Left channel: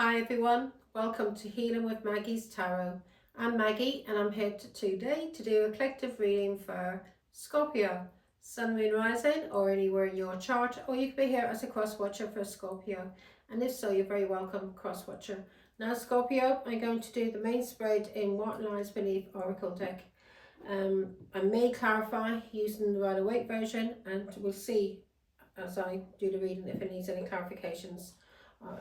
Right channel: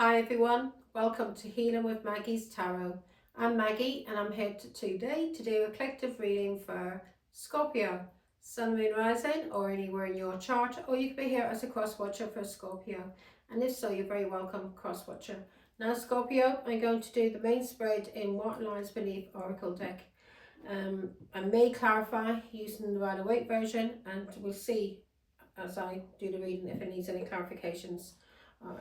Hi everyone, welcome to Healing with Maggie's Tarot. I'm Maggie and I'm here today to do a collective reading for Scorpio, Sun, Moon, Rising, or anywhere in your chart, or you could be here as a cross-watcher for Scorpio, and if so, you're very welcome, cross-watcher. Now Scorpio, I'm going to do the main spread in What Lies Beneath Oracle deck. I may clarify using the Rider Waite version, and we'll see as I do the reading if it needs any clarifications.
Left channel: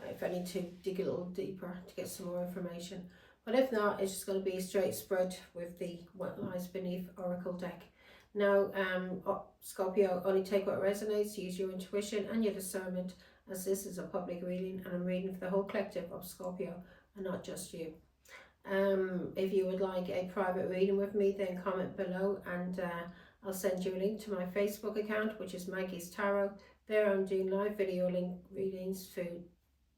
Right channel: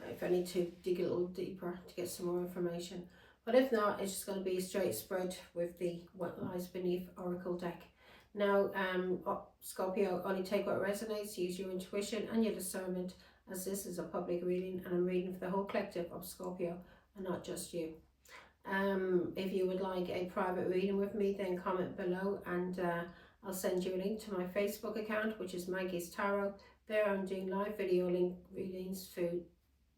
If I need to dig a little deeper to get some more information. But if not, it's just going to be a straight spread with the What Lies Beneath Oracle deck. Now, Scorpio, only take what resonates, use your intuition and your discernment, as this is a public reading and I'm reading for the whole collective of Scorpio and not just you. If you would like a private reading with me, then comment below and I'll send you a link to my Facebook account, which is Maggie's Tarot. There I'm doing live video link readings through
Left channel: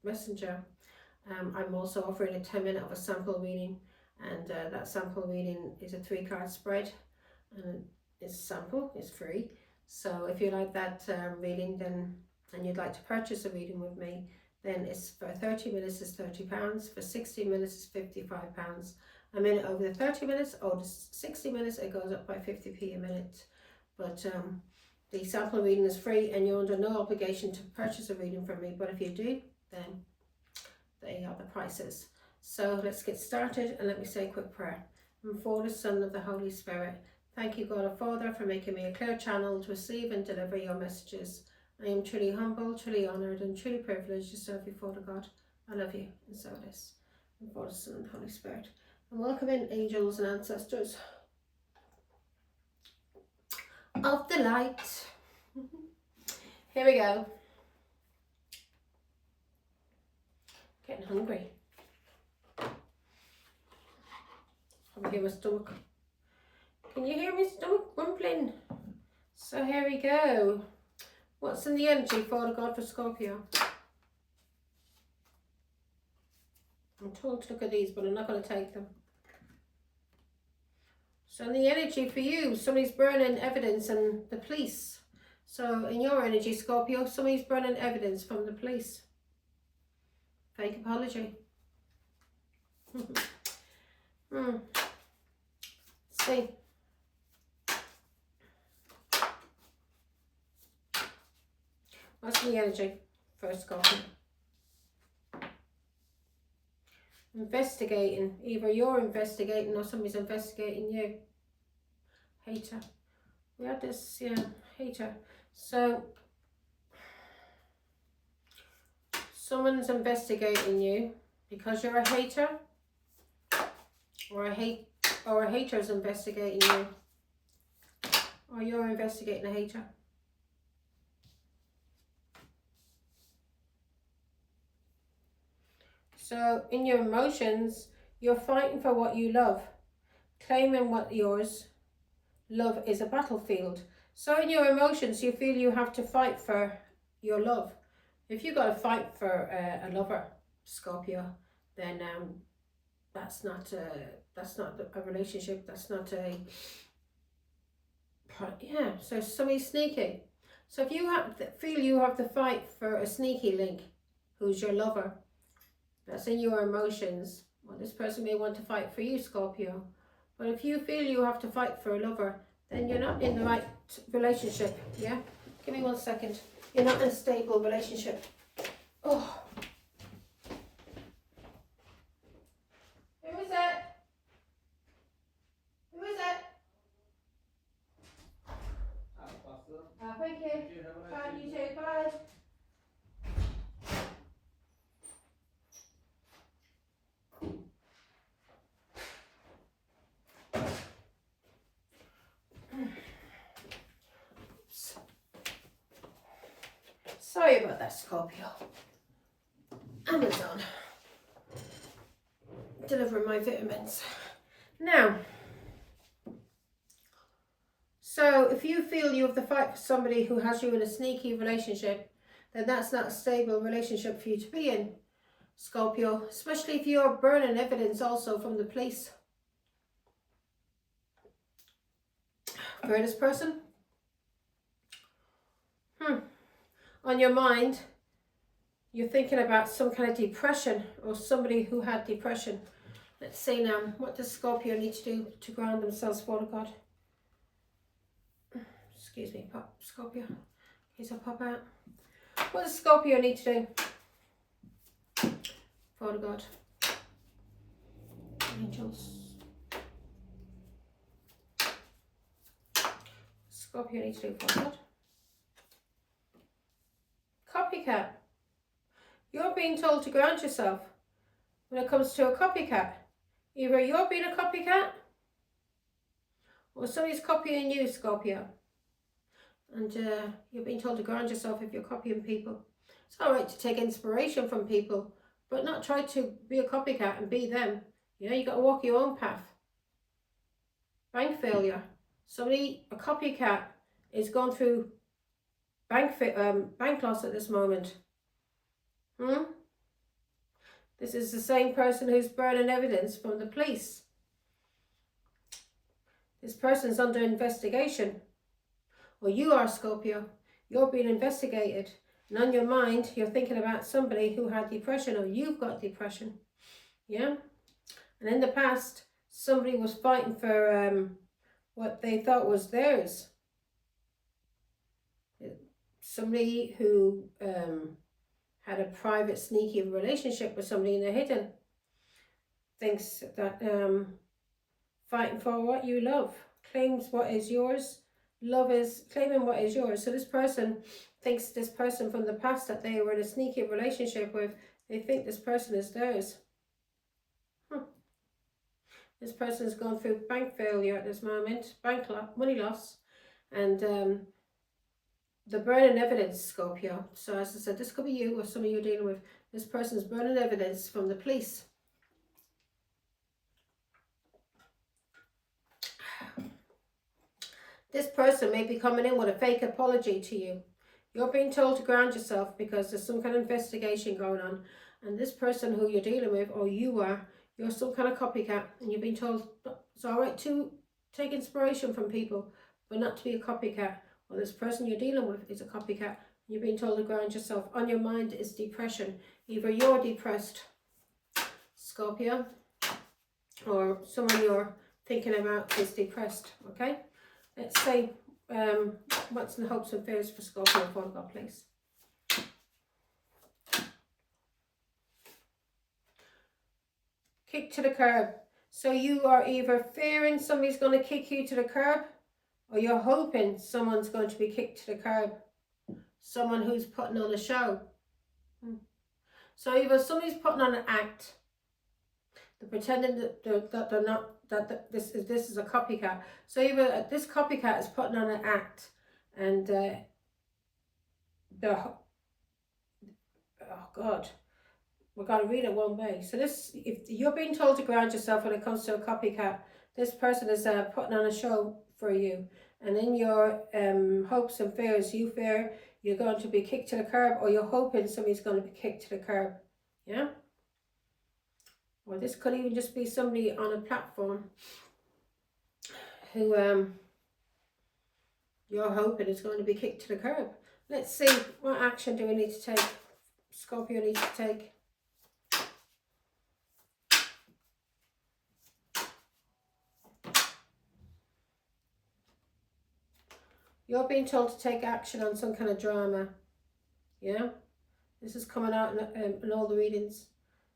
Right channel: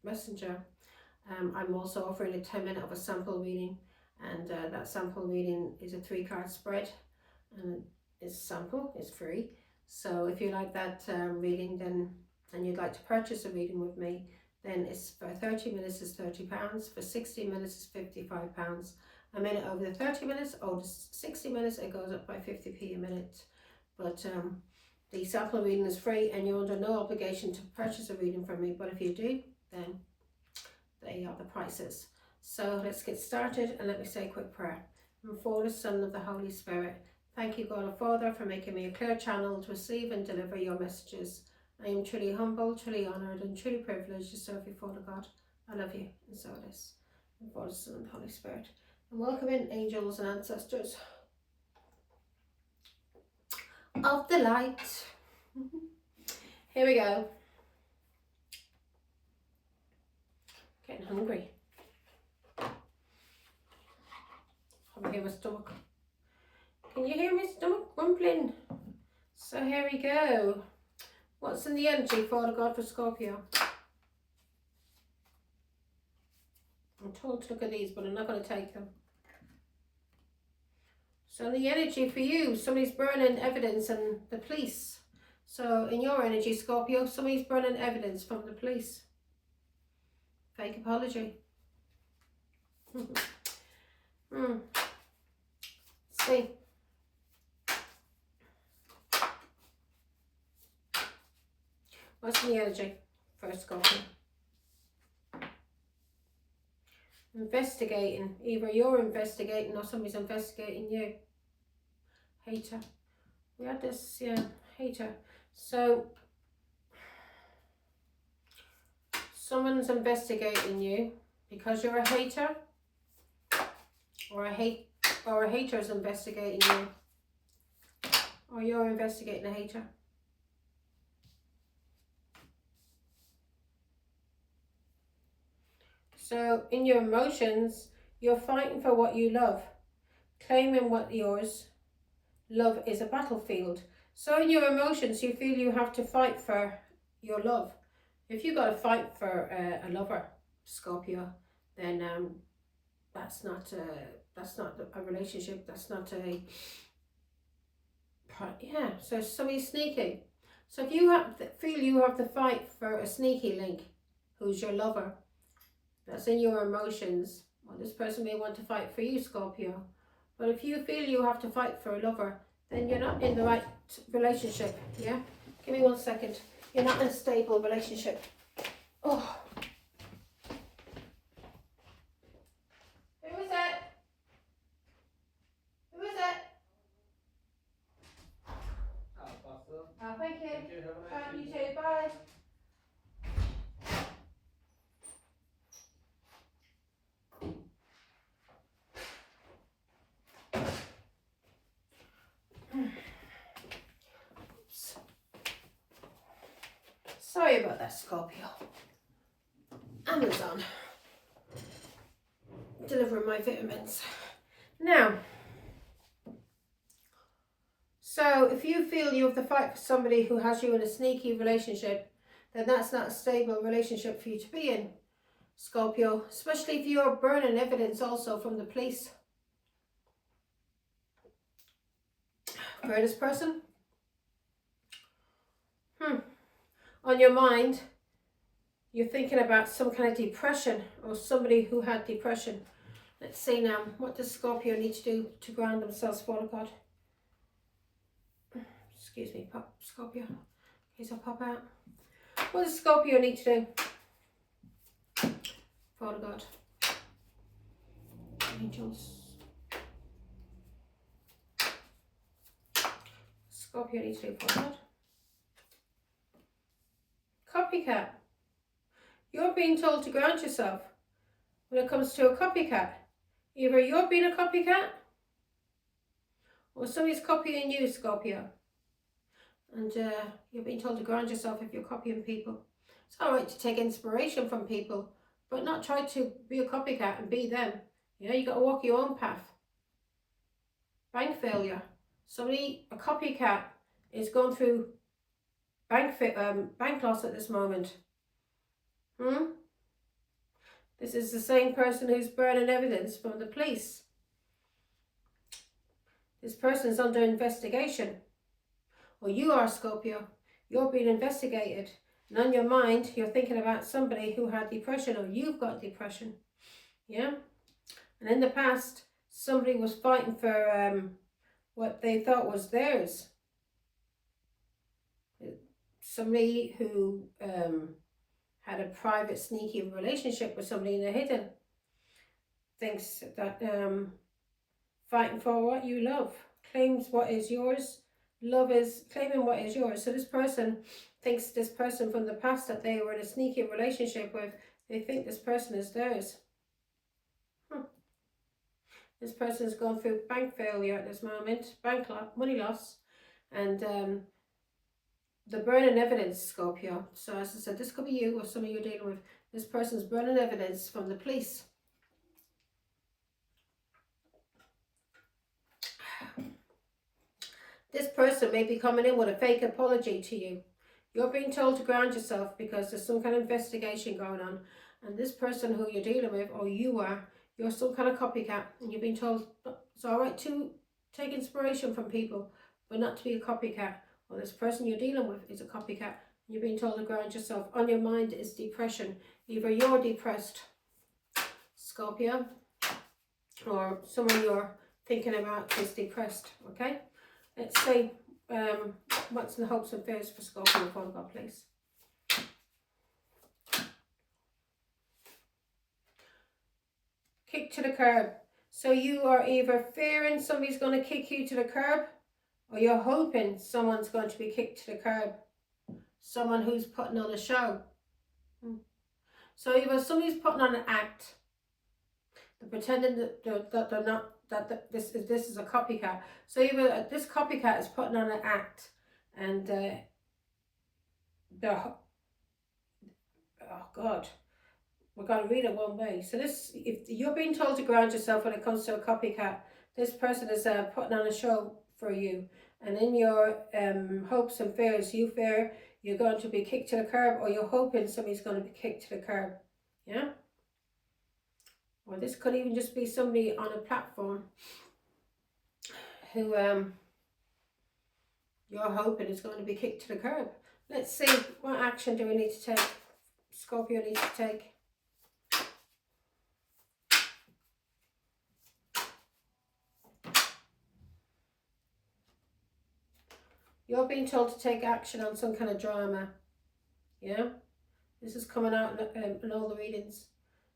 Messenger. I'm also offering a 10-minute of a sample reading, and that sample reading is a 3-card spread, and it's sample, it's free. So if you like that reading, then and you'd like to purchase a reading with me, then it's for 30 minutes is £30, for 60 minutes is £55. A minute over the 30 minutes or the 60 minutes, it goes up by 50p a minute. But the sample reading is free and you're under no obligation to purchase a reading from me, but if you do, then they are the prices. So let's get started and let me say a quick prayer. And for the Son of the Holy Spirit, thank you, God our Father, for making me a clear channel to receive and deliver your messages. I am truly humble, truly honoured and truly privileged to serve you, Father God. I love you, and so it is. And for the Son of the Holy Spirit. And welcome in angels and ancestors of the light. Here we go. Getting hungry. I can hear my stomach. Can you hear my stomach rumbling? So here we go. What's in the energy, Father God, for Scorpio? I'm told to look at these, but I'm not going to take them. So in the energy for you, somebody's burning evidence and the police. So in your energy, Scorpio, somebody's burning evidence from the police. Fake apology. Let's see. What's in the energy for Scorpio? Investigating. Either you're investigating or somebody's investigating you. Hater. We had this, yeah, hater. So someone's investigating you because you're a hater, or a hater's investigating you, or you're investigating a hater. So in your emotions, you're fighting for what you love, claiming what yours. Love is a battlefield. So in your emotions, you feel you have to fight for your love. If you've got to fight for a lover, Scorpio, then that's not a relationship. That's not a, yeah. So somebody's sneaky. So if you feel you have to fight for a sneaky link, who's your lover, that's in your emotions. Well, this person may want to fight for you, Scorpio. But if you feel you have to fight for a lover, then you're not in the right relationship, yeah? Give me 1 second. You're not in a stable relationship. Oh. Who is that? Who is that? Oh, thank you. Bye, you too. Bye. Sorry about that, Scorpio. Amazon. Delivering my vitamins. Now, so if you feel you have to fight for somebody who has you in a sneaky relationship, then that's not a stable relationship for you to be in, Scorpio. Especially if you're burning evidence also from the police. For this person, on your mind, You're thinking about some kind of depression or somebody who had depression. Let's see now. What does Scorpio need to do to ground themselves, Father God? Excuse me, Scorpio. Please, I'll pop out. What does Scorpio need to do? Father God. Angels. Scorpio needs to do, Father God. Copycat. You're being told to ground yourself when it comes to a copycat. Either you're being a copycat or somebody's copying you, Scorpio. And you're being told to ground yourself if you're copying people. It's alright to take inspiration from people, but not try to be a copycat and be them. You know, you got to walk your own path. Bank failure. Somebody, a copycat, is going through bank loss at this moment. This is the same person who's burning evidence from the police. This person's under investigation. Or you are, Scorpio. You're being investigated. And on your mind, you're thinking about somebody who had depression, or you've got depression. Yeah? And in the past, somebody was fighting for what they thought was theirs. Somebody who had a private, sneaky relationship with somebody in the hidden thinks that fighting for what you love, claims what is yours. Love is claiming what is yours. So this person thinks this person from the past that they were in a sneaky relationship with, they think this person is theirs. This person is going through bank failure at this moment, money loss, and the burning evidence, Scorpio. So as I said, this could be you or somebody you're dealing with. This person's burning evidence from the police. This person may be coming in with a fake apology to you. You're being told to ground yourself because there's some kind of investigation going on. And this person who you're dealing with, or you are, you're some kind of copycat. And you've been told it's all right to take inspiration from people, but not to be a copycat. Or this person you're dealing with is a copycat. You're being told to ground yourself. On your mind is depression. Either you're depressed, Scorpio, or someone you're thinking about is depressed, okay? Let's see what's the hopes and fears for Scorpio, Father God, please. Kick to the curb. So you are either fearing somebody's going to kick you to the curb, or you're hoping someone's going to be kicked to the curb. Someone who's putting on a show. So either somebody's putting on an act, they're pretending that they're not, this is a copycat. So either this copycat is putting on an act, and they're, oh God, we're going to read it one way. So this, if you're being told to ground yourself when it comes to a copycat, this person is putting on a show for you. And in your hopes and fears, you fear you're going to be kicked to the curb, or you're hoping somebody's going to be kicked to the curb. Yeah? Or this could even just be somebody on a platform who you're hoping is going to be kicked to the curb. Let's see, what action do we need to take? Scorpio needs to take. You're being told to take action on some kind of drama. Yeah? This is coming out in all the readings.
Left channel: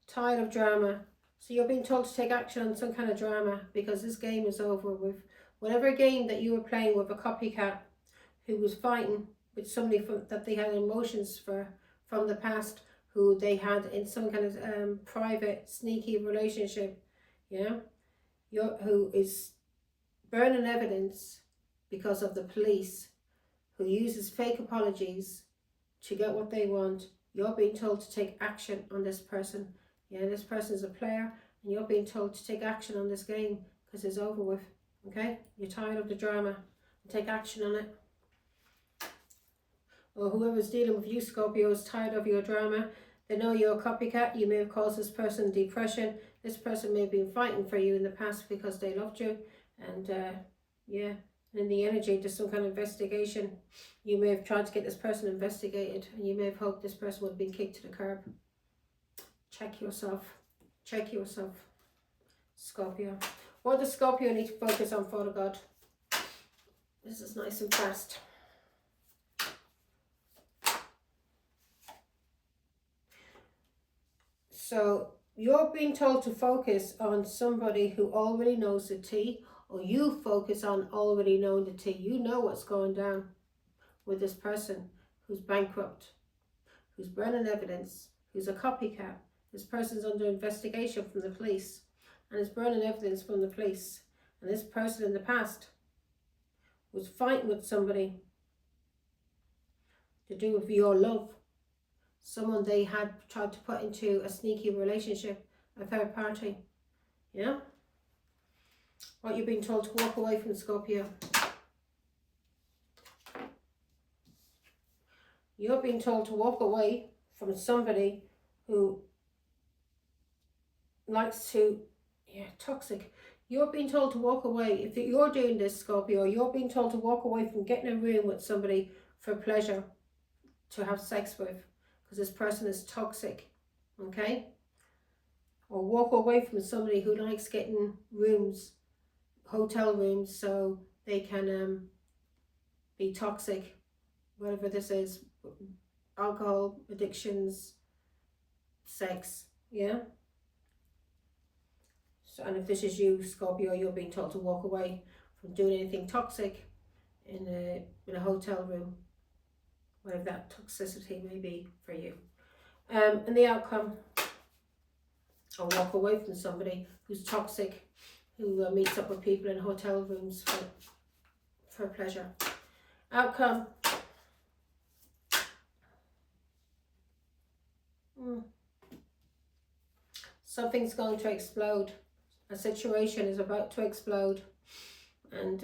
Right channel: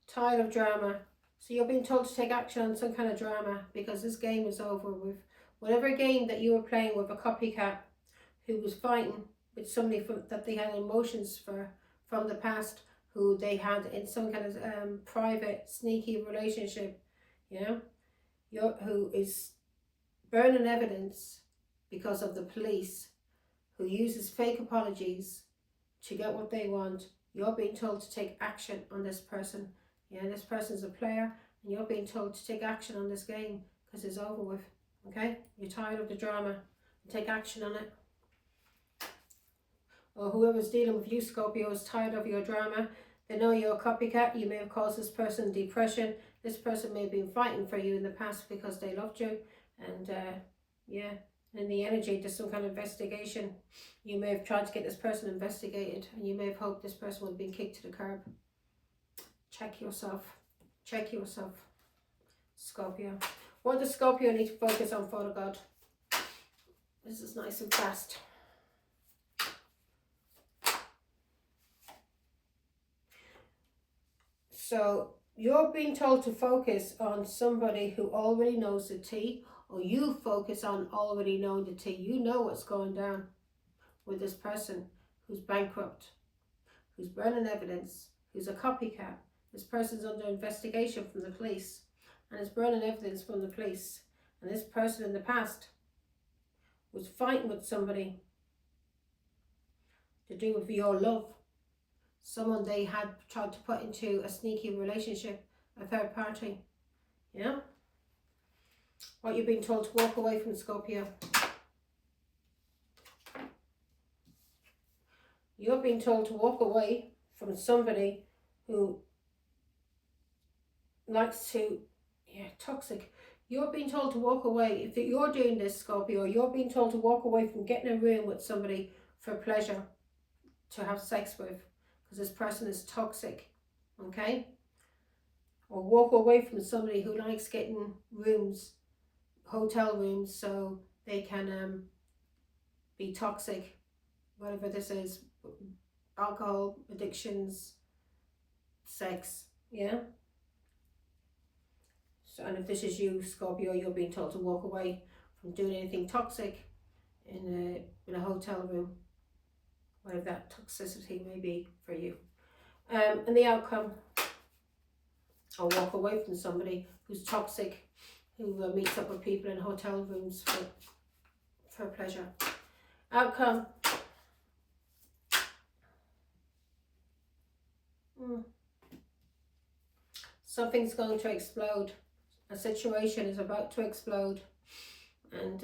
Tired of drama. So you're being told to take action on some kind of drama because this game is over with. Whatever game that you were playing with a copycat who was fighting with somebody that they had emotions for from the past, who they had in some kind of private, sneaky relationship, yeah? Who is burning evidence because of the police, who uses fake apologies to get what they want. You're being told to take action on this person. Yeah, this person's a player, and you're being told to take action on this game because it's over with. Okay? You're tired of the drama. Take action on it. Or whoever's dealing with you, Scorpio, is tired of your drama. They know you're a copycat. You may have caused this person depression. This person may have been fighting for you in the past because they loved you. And yeah, In the energy, there's some kind of investigation. You may have tried to get this person investigated, and you may have hoped this person would have been kicked to the curb. Check yourself. Check yourself, Scorpio. What does Scorpio need to focus on, Father God? This is nice and fast. So you're being told to focus on somebody who already knows the tea, or you focus on already knowing the tea. You know what's going down with this person who's bankrupt, who's burning evidence, who's a copycat. This person's under investigation from the police and is burning evidence from the police. And this person in the past was fighting with somebody to do with your love. Someone they had tried to put into a sneaky relationship, a third party. Yeah? What you're being told to walk away from, Scorpio. You're being told to walk away from somebody who likes to, toxic. You're being told to walk away. If you're doing this, Scorpio, you're being told to walk away from getting a room with somebody for pleasure, to have sex with, because this person is toxic, okay? Or walk away from somebody who likes getting rooms, hotel rooms, so they can be toxic, whatever this is, alcohol, addictions, sex, yeah? So, and if this is you, Scorpio, you're being told to walk away from doing anything toxic in a hotel room, whatever that toxicity may be for you. And the outcome, or walk away from somebody who's toxic, who meets up with people in hotel rooms for pleasure. Outcome. Something's going to explode. A situation is about to explode, and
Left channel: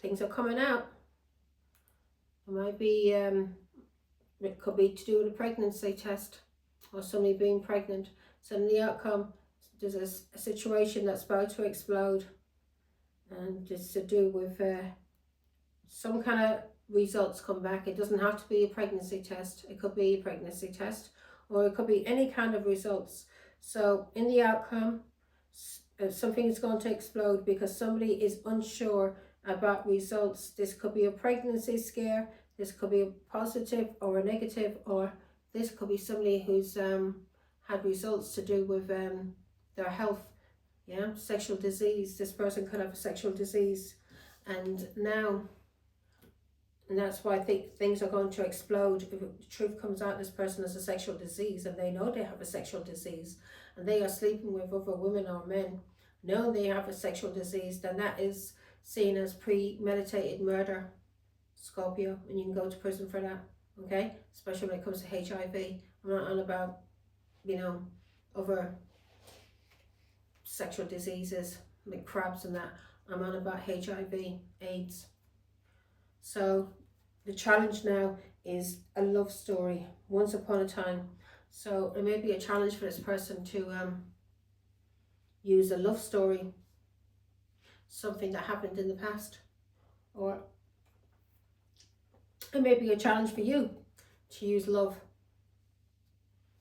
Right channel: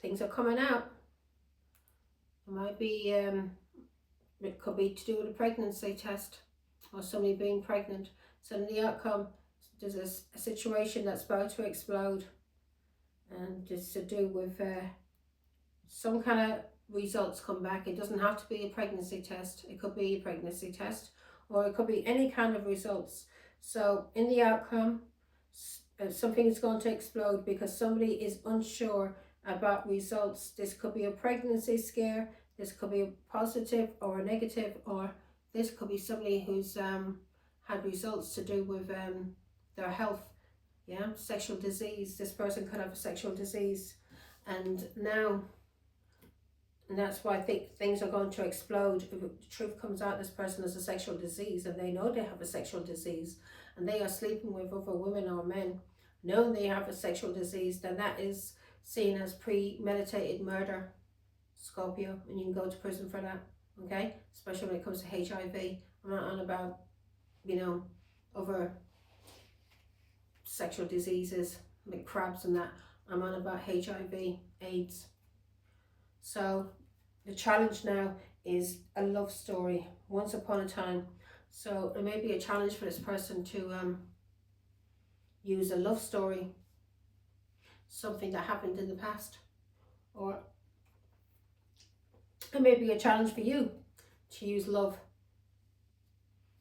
things are coming out. It might be, it could be to do with a pregnancy test, or somebody being pregnant. So in the outcome, there's a situation that's about to explode, and it's to do with some kind of results come back. It doesn't have to be a pregnancy test. It could be a pregnancy test, or it could be any kind of results. So in the outcome, something is going to explode because somebody is unsure about results. This could be a pregnancy scare. This could be a positive or a negative, or this could be somebody who's had results to do with their health. Yeah, sexual disease. This person could have a sexual disease, and that's why I think things are going to explode. If the truth comes out, this person has a sexual disease, and they know they have a sexual disease, and they are sleeping with other women or men, knowing they have a sexual disease, then that is seen as premeditated murder, Scorpio, and you can go to prison for that, okay? Especially when it comes to HIV. I'm not on about, other sexual diseases like crabs and that. I'm on about HIV, AIDS. So the challenge now is a love story, once upon a time. So it may be a challenge for this person to use a love story, something that happened in the past, or it may be a challenge for you to use love,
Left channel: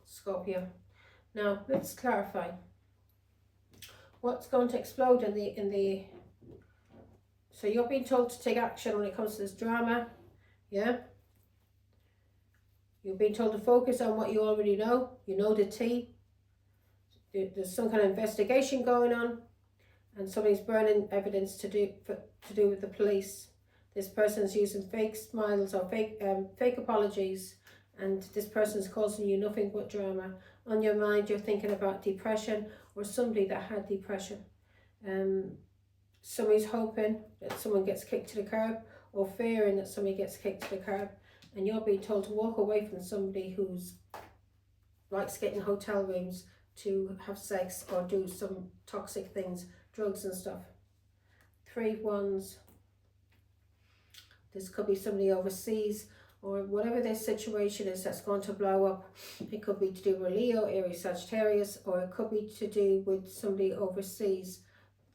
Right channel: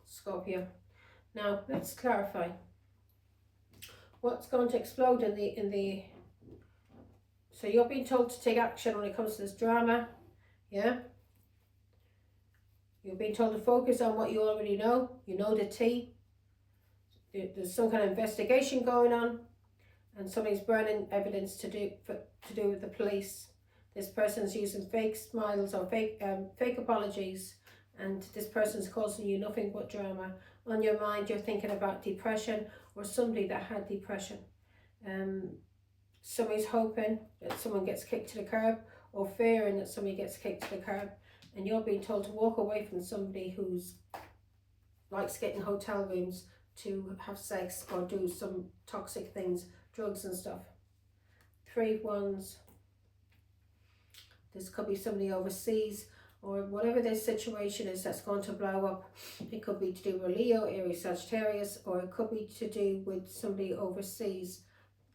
Scorpio. Now let's clarify what's going to explode in the. So you're being told to take action when it comes to this drama, yeah? You're being told to focus on what you already know. You know the tea. There's some kind of investigation going on, and somebody's burning evidence to do with the police. This person's using fake smiles or fake apologies, and this person's causing you nothing but drama. On your mind, you're thinking about depression or somebody that had depression. Somebody's hoping that someone gets kicked to the curb, or fearing that somebody gets kicked to the curb, and you're being told to walk away from somebody who's likes getting hotel rooms to have sex or do some toxic things, drugs and stuff. 3 wands. This could be somebody overseas, or whatever their situation is that's going to blow up. It could be to do with Leo, Aries, Sagittarius, or it could be to do with somebody overseas.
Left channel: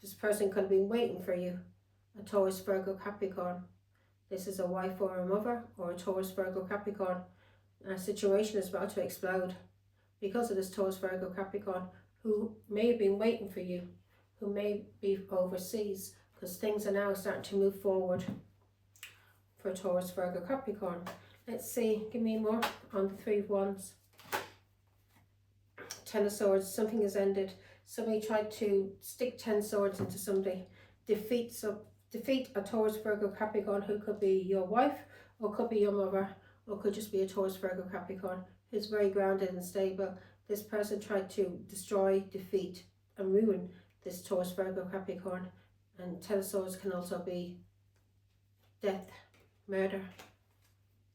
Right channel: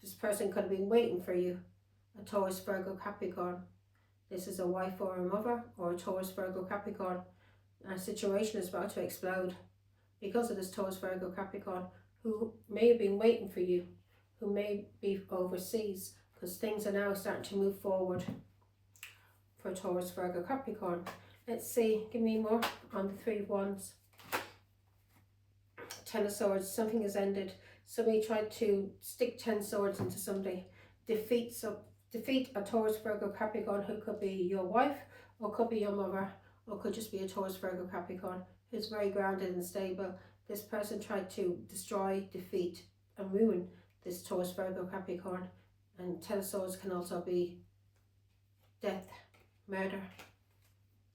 This person could have been waiting for you, a Taurus, Virgo, Capricorn. This is a wife or a mother or a Taurus, Virgo, Capricorn. A situation is about to explode because of this Taurus, Virgo, Capricorn, who may have been waiting for you, who may be overseas, because things are now starting to move forward for Taurus, Virgo, Capricorn. Let's see, give me more on the Three of Wands. Ten of Swords, something has ended. Somebody tried to stick 10 swords into somebody. Defeat a Taurus, Virgo, Capricorn, who could be your wife, or could be your mother, or could just be a Taurus, Virgo, Capricorn, who's very grounded and stable. This person tried to destroy, defeat, and ruin this Taurus, Virgo, Capricorn. And Ten of Swords can also be death, murder.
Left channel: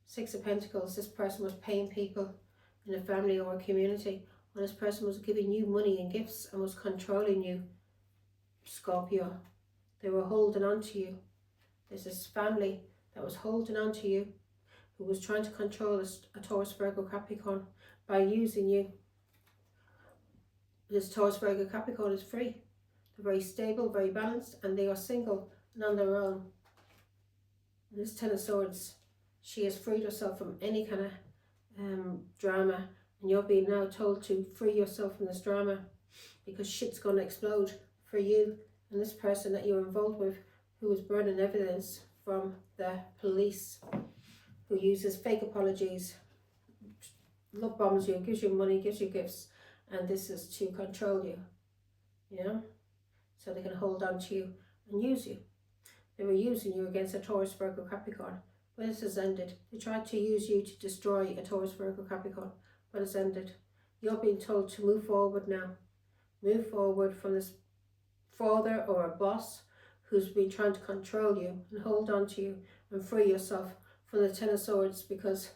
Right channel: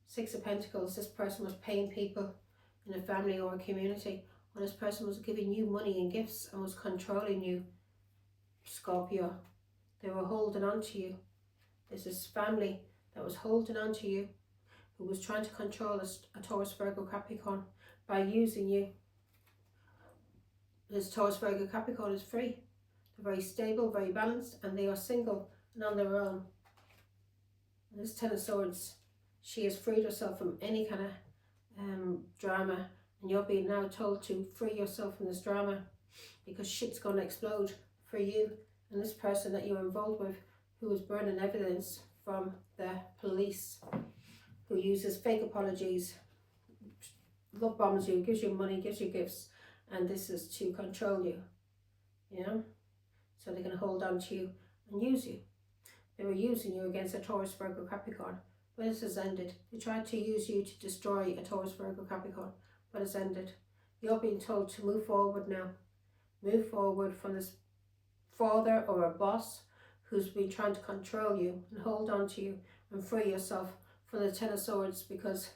Six of Pentacles, this person was paying people in a family or a community, or this person was giving you money and gifts and was controlling you, Scorpio. They were holding on to you. There's this family that was holding on to you, who was trying to control a Taurus, Virgo, Capricorn by using you. This Taurus, Virgo, Capricorn is free. They're very stable, very balanced, and they are single and on their own. And this Ten of Swords, she has freed herself from any kind of drama, and you're being now told to free yourself from this drama, because shit's going to explode for you and this person that you're involved with, who was burning evidence from the police, who uses fake apologies, love bombs you, gives you money, gives you gifts, and this is to control you, yeah? So they can hold on to you and use you. They were using you against a Taurus, Virgo, Capricorn, but this has ended. They tried to use you to destroy a Taurus, Virgo, Capricorn, but it's ended. You're being told to move forward now. Move forward from this father or a boss who's been trying to control you and hold on to you, and free yourself from the Ten of Swords, because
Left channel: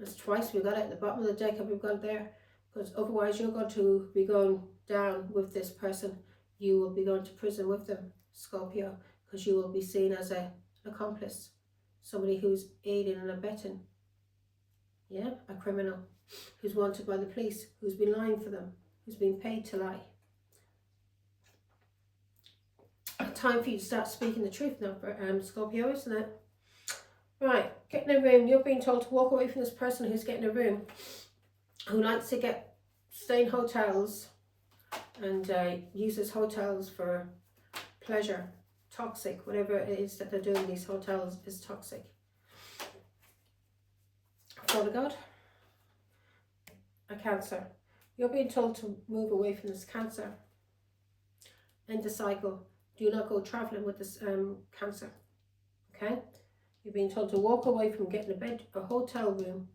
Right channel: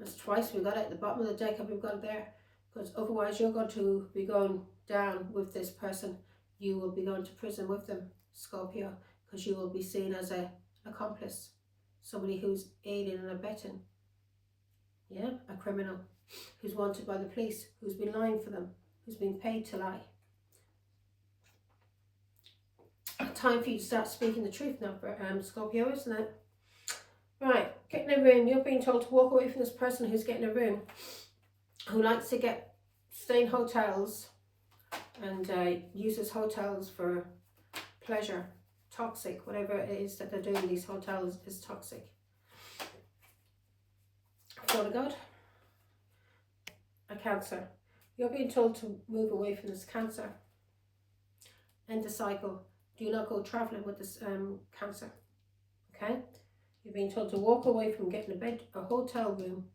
it's twice we got it at the bottom of the deck and we've got it there, because otherwise you're going to be going down with this person. You will be going to prison with them, Scorpio, because you will be seen as an accomplice, somebody who's aiding and abetting, yeah, a criminal who's wanted by the police, who's been lying for them, who's been paid to lie. Time for you to start speaking the truth now, for Scorpio, isn't it? Right, get in a room. You're being told to walk away from this person who's getting a room, who likes to stay in hotels and uses hotels for pleasure. Toxic, whatever it is that they're doing in these hotels is toxic. Father God, a Cancer. You're being told to move away from this Cancer. End the cycle. Do not go traveling with this Cancer. Okay? You're being told to walk away from getting a hotel room,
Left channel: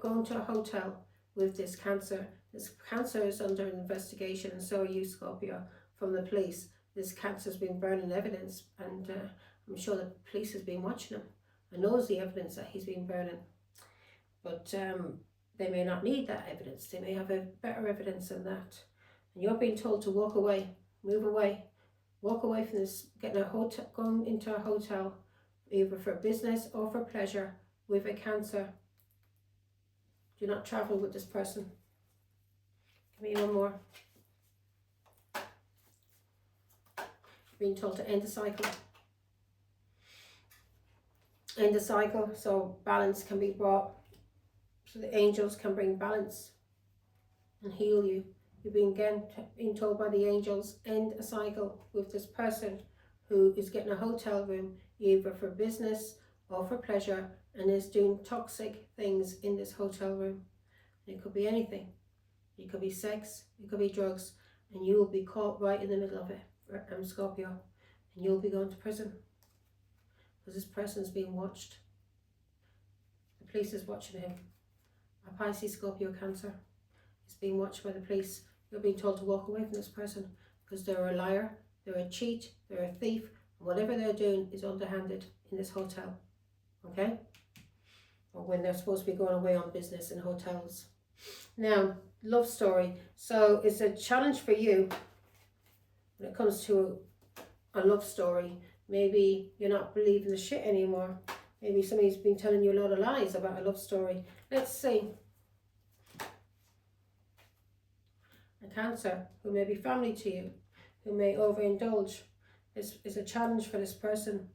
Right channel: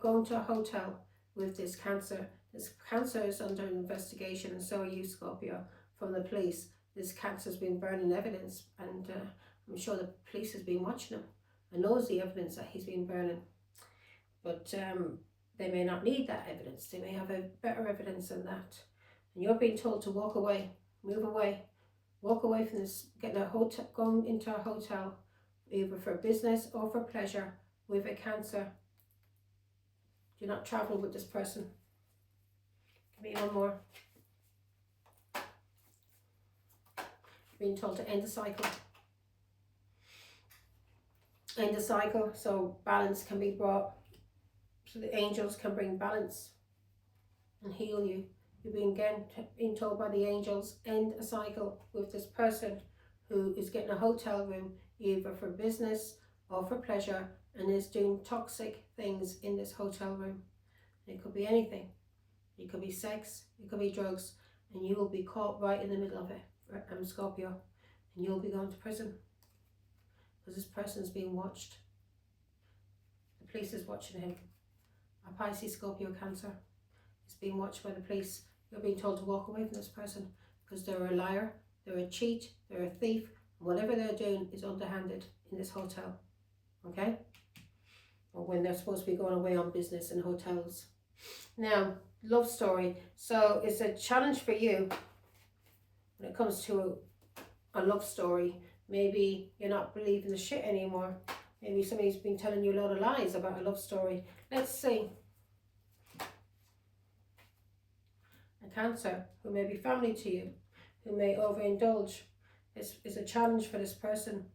going to a hotel with this Cancer. This Cancer is under investigation, and so are you, Scorpio, from the police. This Cancer's been burning evidence, and I'm sure the police has been watching him and knows the evidence that he's been burning. But they may not need that evidence. They may have a better evidence than that. And you're being told to walk away, move away, walk away from this, going into a hotel, either for business or for pleasure, with a Cancer. Do not travel with this person. Give me one more. Being told to end the cycle. End the cycle so balance can be brought, so the angels can bring balance and heal you. You're being told by the angels, end a cycle with this person who is getting a hotel room, either for business or for pleasure, and is doing toxic things in this hotel room. It could be anything. It could be sex, it could be drugs, and you will be caught right in the middle of it, Scorpio, and you'll be going to prison, because this person is being watched. The police is watching him. A Pisces, Scorpio, Cancer is being watched by the police. You're being told to walk away from this person, because they're a liar, they're a cheat, they're a thief, and whatever they're doing is underhanded in this hotel, okay? Or when they're supposed to be going away on business in hotels. Now, love story. So it's a challenge for you when it comes to a love story. Maybe you're not believing the shit anymore. Maybe somebody's been telling you a lot of lies about a love story. Let's see. A Cancer who may be family to you, who may overindulge. is a challenge for this person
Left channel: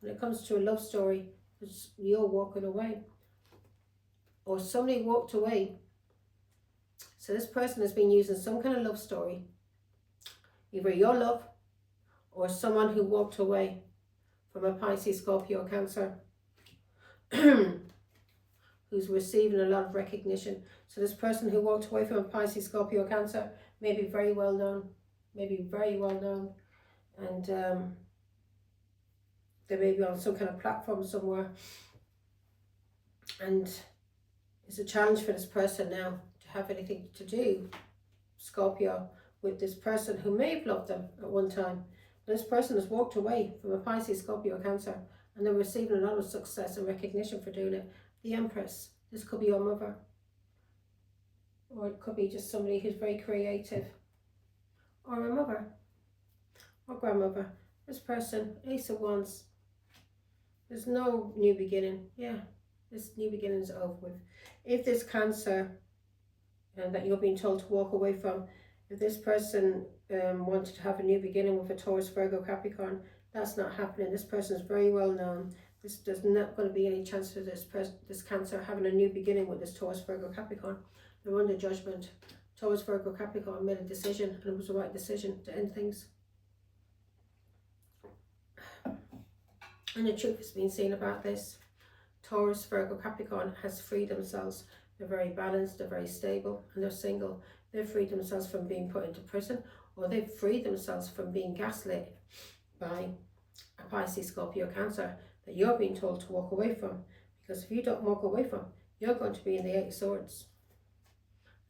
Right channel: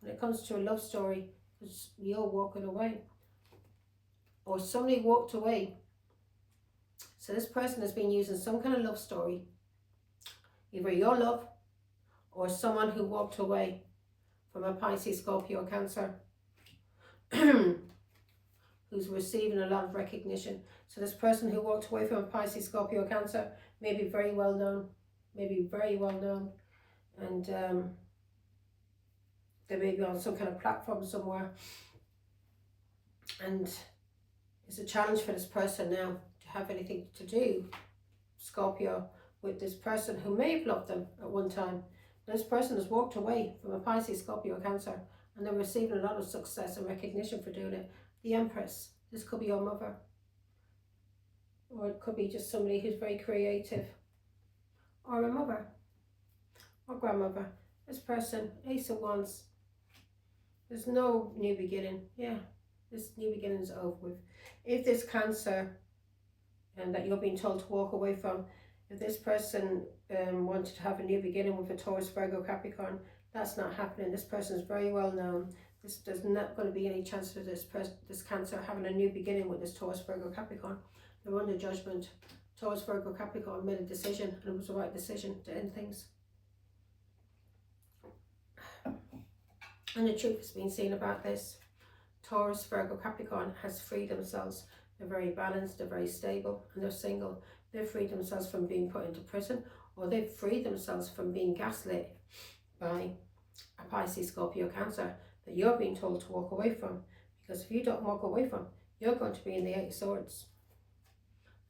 when it comes to a love story, because you're walking away or somebody walked away. So this person has been using some kind of love story, either your love or someone who walked away from a Pisces, Scorpio, Cancer, who's receiving a lot of recognition. So this person who walked away from a Pisces, Scorpio, Cancer may be very well known, and they may be on some kind of platform somewhere, and it's a challenge for this person now to have anything to do, Scorpio, with this person who may have loved them at one time. This person has walked away from a Pisces, Scorpio, Cancer, and they're receiving a lot of success and recognition for doing it. The Empress, this could be your mother, or it could be just somebody who's very creative, or a mother, or grandmother. This person, Ace of Wands, there's no new beginning. Yeah, this new beginning is over with. If this Cancer, and that you're being told to walk away from, if this person wanted to have a new beginning with a Taurus, Virgo, Capricorn, that's not happening. This person is very well known. There's not going to be any chance for this Cancer having a new beginning with this Taurus, Virgo, Capricorn. They're under judgment. Taurus, Virgo, Capricorn made a decision, and it was the right decision to end things. And the truth has been seen about this. Taurus, Virgo, Capricorn has freed themselves. They're very balanced, they're very stable, and they're single. They've freed themselves from being put into prison, or they've freed themselves from being gaslit by a Pisces, Scorpio, Cancer that you're being told to walk away from. Because if you don't walk away from, you're going to be in the Eight of Swords.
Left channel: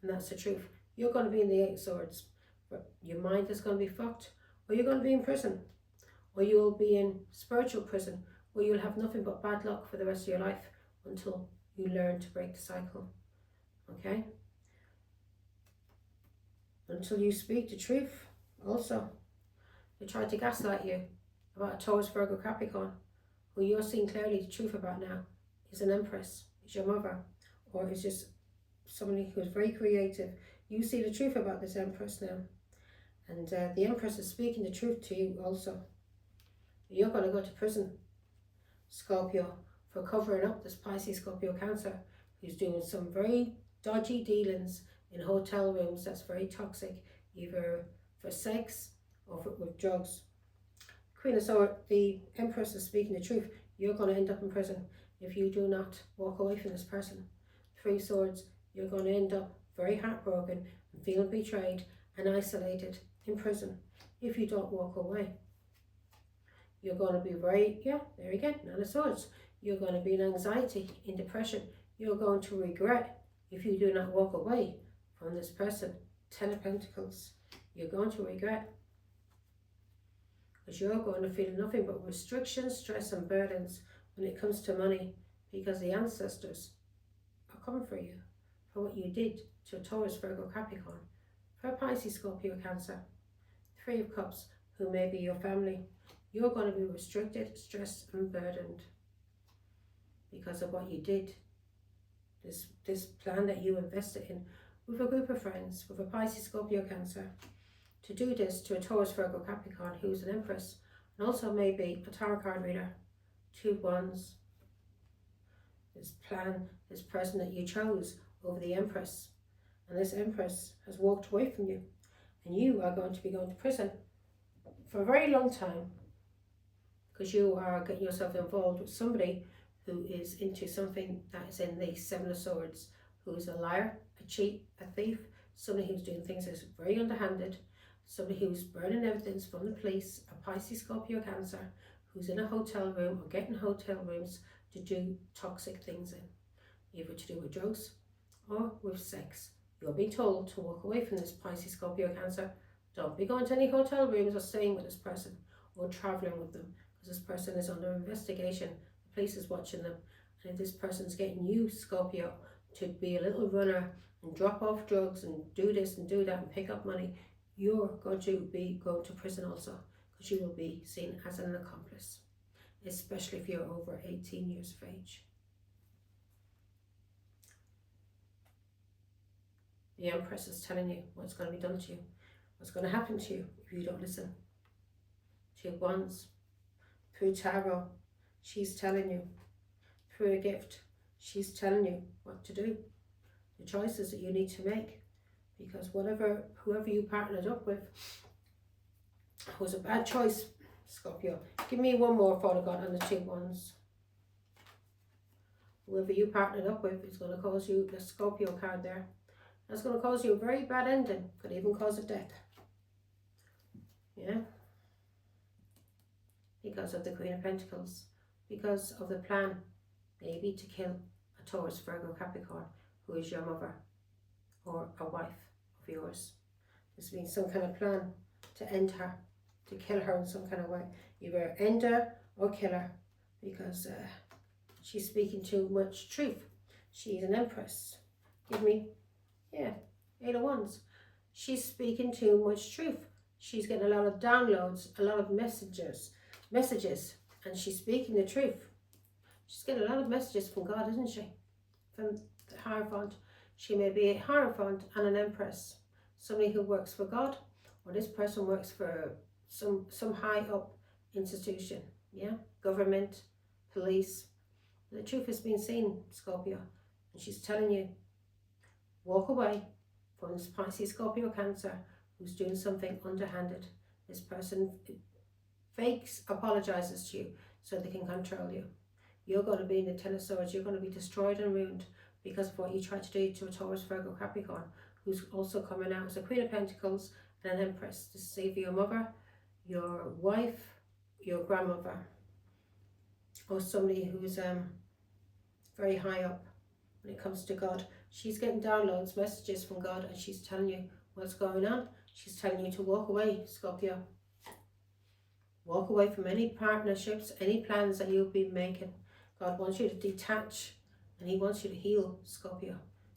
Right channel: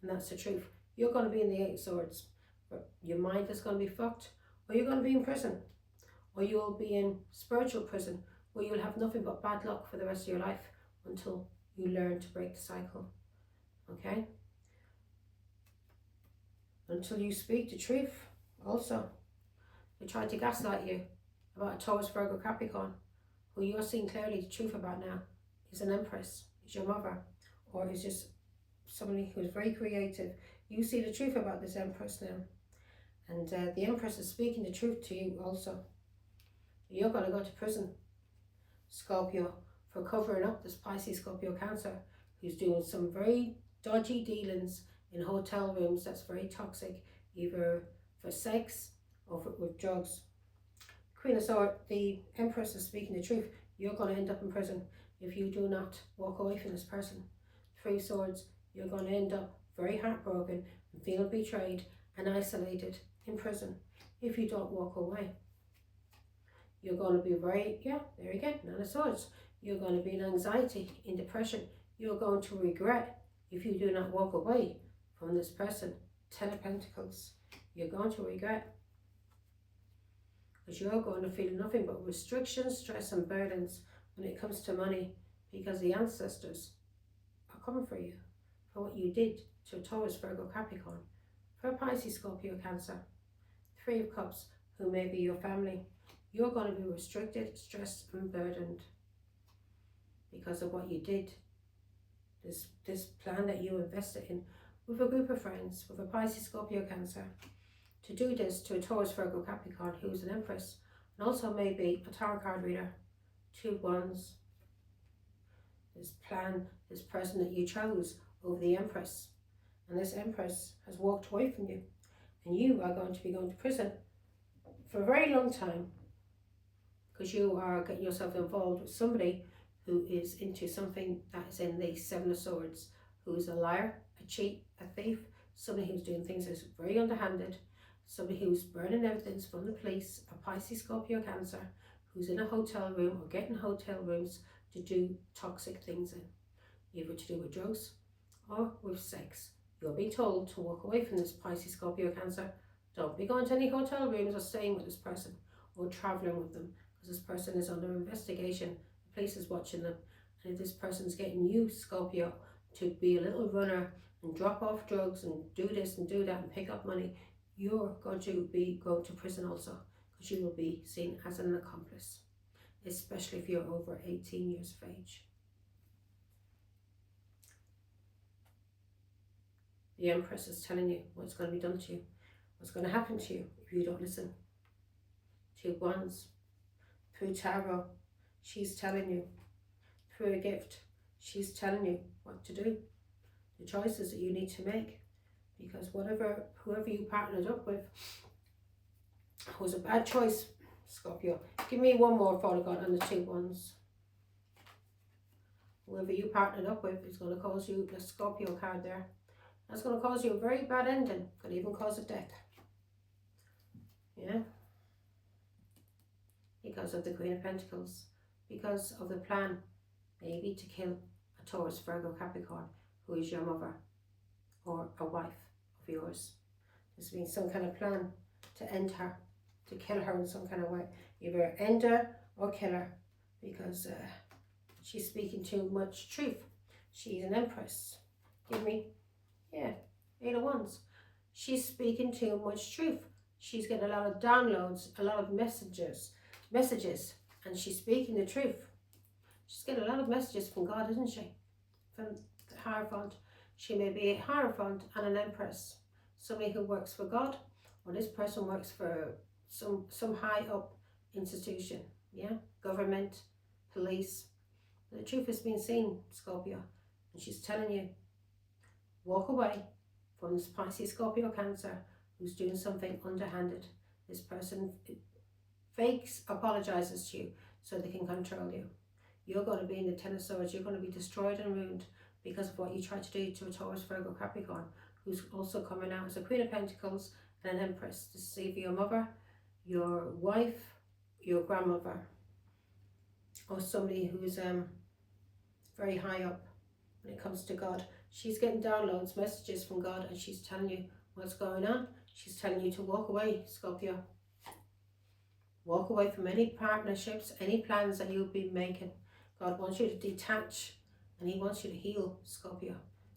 And that's the truth. You're going to be in the Eight of Swords. But your mind is going to be fucked, or you're going to be in prison, or you'll be in spiritual prison, or you'll have nothing but bad luck for the rest of your life until you learn to break the cycle. Okay? Until you speak the truth. Also, they tried to gaslight you about a Taurus, Virgo, Capricorn, who you're seeing clearly the truth about now is an Empress, is your mother, or is just somebody who is very creative. You see the truth about this Empress now, and the Empress is speaking the truth to you also. You're going to go to prison, Scorpio, for covering up this Pisces, Scorpio, Cancer, who's doing some very dodgy dealings in hotel rooms that's very toxic, either for sex or with drugs. Queen of Swords, the Empress is speaking the truth. You're going to end up in prison if you do not walk away from this person. Three of Swords, you're going to end up very heartbroken and feeling betrayed and isolated in prison if you don't walk away. You're going to be very, there again, Nine of Swords. You're going to be in anxiety, in depression. You're going to regret if you do not walk away from this person. Ten of Pentacles. You're going to regret, because you're going to feel nothing but restrictions, stress and burdens when it comes to money, because the ancestors are coming for you for what you did to a Taurus, Virgo, Capricorn, for a Pisces, Scorpio, Cancer. Three of Cups, who may be your family. You're going to be restricted, stressed and burdened because of what you did. This plan that you invested in with a group of friends, with a Pisces, Scorpio, Cancer, to do this to a Taurus, Virgo, Capricorn, who's an Empress, and also maybe a tarot card reader. Two Wands. This plan, this person that you chose over the Empress, and this Empress has walked away from you, and you are going to be going to prison for a very long time, because you are getting yourself involved with somebody who is into something that is in the Seven of Swords, who is a liar, a cheat, a thief, somebody who's doing things that's very underhanded, somebody who's burning evidence from the police, a Pisces, Scorpio, Cancer, who's in a hotel room or getting hotel rooms to do toxic things in, either to do with drugs or with sex. You're being told to walk away from this Pisces, Scorpio, Cancer. Don't be going to any hotel rooms or staying with this person or traveling with them, because this person is under investigation. The police is watching them, and if this person's getting you, Scorpio, to be a little runner and drop off drugs and do this and do that and pick up money, you're going to be going to prison also, because you will be seen as an accomplice, especially if you're over 18 years of age. The Empress is telling you what's going to be done to you, what's going to happen to you if you don't listen Two of Wands. Through tarot, she's telling you. Through a gift, she's telling you what to do. The choices that you need to make. Because whoever you partnered up with was a bad choice, Scorpio. Give me one more for God on the Two of Wands. Whoever you partnered up with is going to cause you, the Scorpio card there, that's going to cause you a very bad ending. Could even cause a death. Yeah. Because of the Queen of Pentacles. Because of the plan, maybe to kill a Taurus, Virgo, Capricorn, who is your mother or a wife of yours. This means some kind of plan to end her, to kill her in some kind of way. Either end her or kill her, because she's speaking too much truth. She's an empress. Give me, yeah, 8 of Wands. She's speaking too much truth. She's getting a lot of downloads, a lot of messages, and she's speaking the truth. She's getting a lot of messages from God, isn't she? From the Hierophant. She may be a Hierophant and an empress. Somebody who works for God, or this person works for some high up institution, yeah, government, police. The truth has been seen, Scorpio, and she's telling you, walk away from this Pisces, Scorpio, Cancer, who's doing something underhanded. This person fakes, apologizes to you so they can control you. You're going to be in the Ten of Swords. You're going to be destroyed and ruined because of what you tried to do to a Taurus, Virgo, Capricorn, who's also coming out as a Queen of Pentacles and an Empress. This is either your mother, your wife, your grandmother, or somebody who's very high up when it comes to God. She's getting downloads, messages from God, and she's telling you what's going on. She's telling you to walk away, Scorpio. Walk away from any partnerships, any plans that you've been making. God wants you to detach, and he wants you to heal, Scorpio.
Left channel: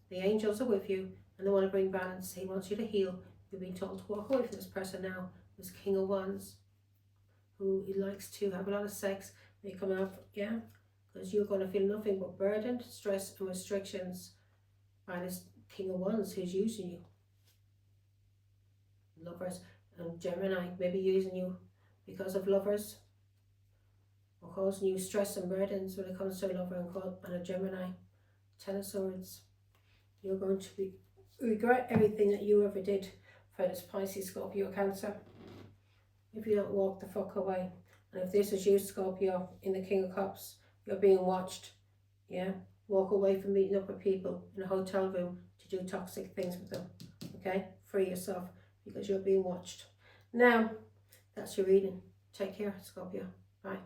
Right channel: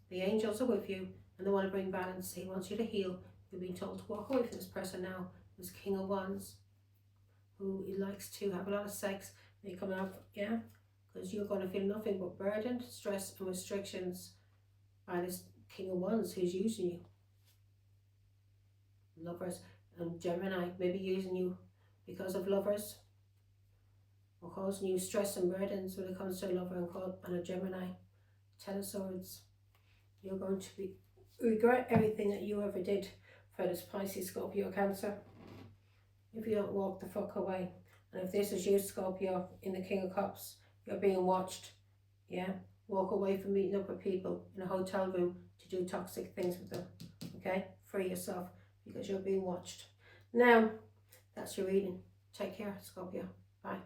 The angels are with you, and they want to bring balance. He wants you to heal. You've been told to walk away from this person now, this King of Wands, who likes to have a lot of sex. They come out, yeah, because you're going to feel nothing but burden, stress, and restrictions by this King of Wands who's using you. Lovers and Gemini may be using you because of lovers, or causing you stress and burdens when it comes to a lover and a Gemini. 10 of Swords. You're going to regret everything that you ever did for this Pisces, Scorpio, Cancer, if you don't walk the fuck away. And if this is you, Scorpio, in the King of Cups, you're being watched. Yeah, walk away from meeting up with people in a hotel room to do toxic things with them. Okay, free yourself, because you're being watched. Now, that's your reading. Take care, Scorpio. Bye.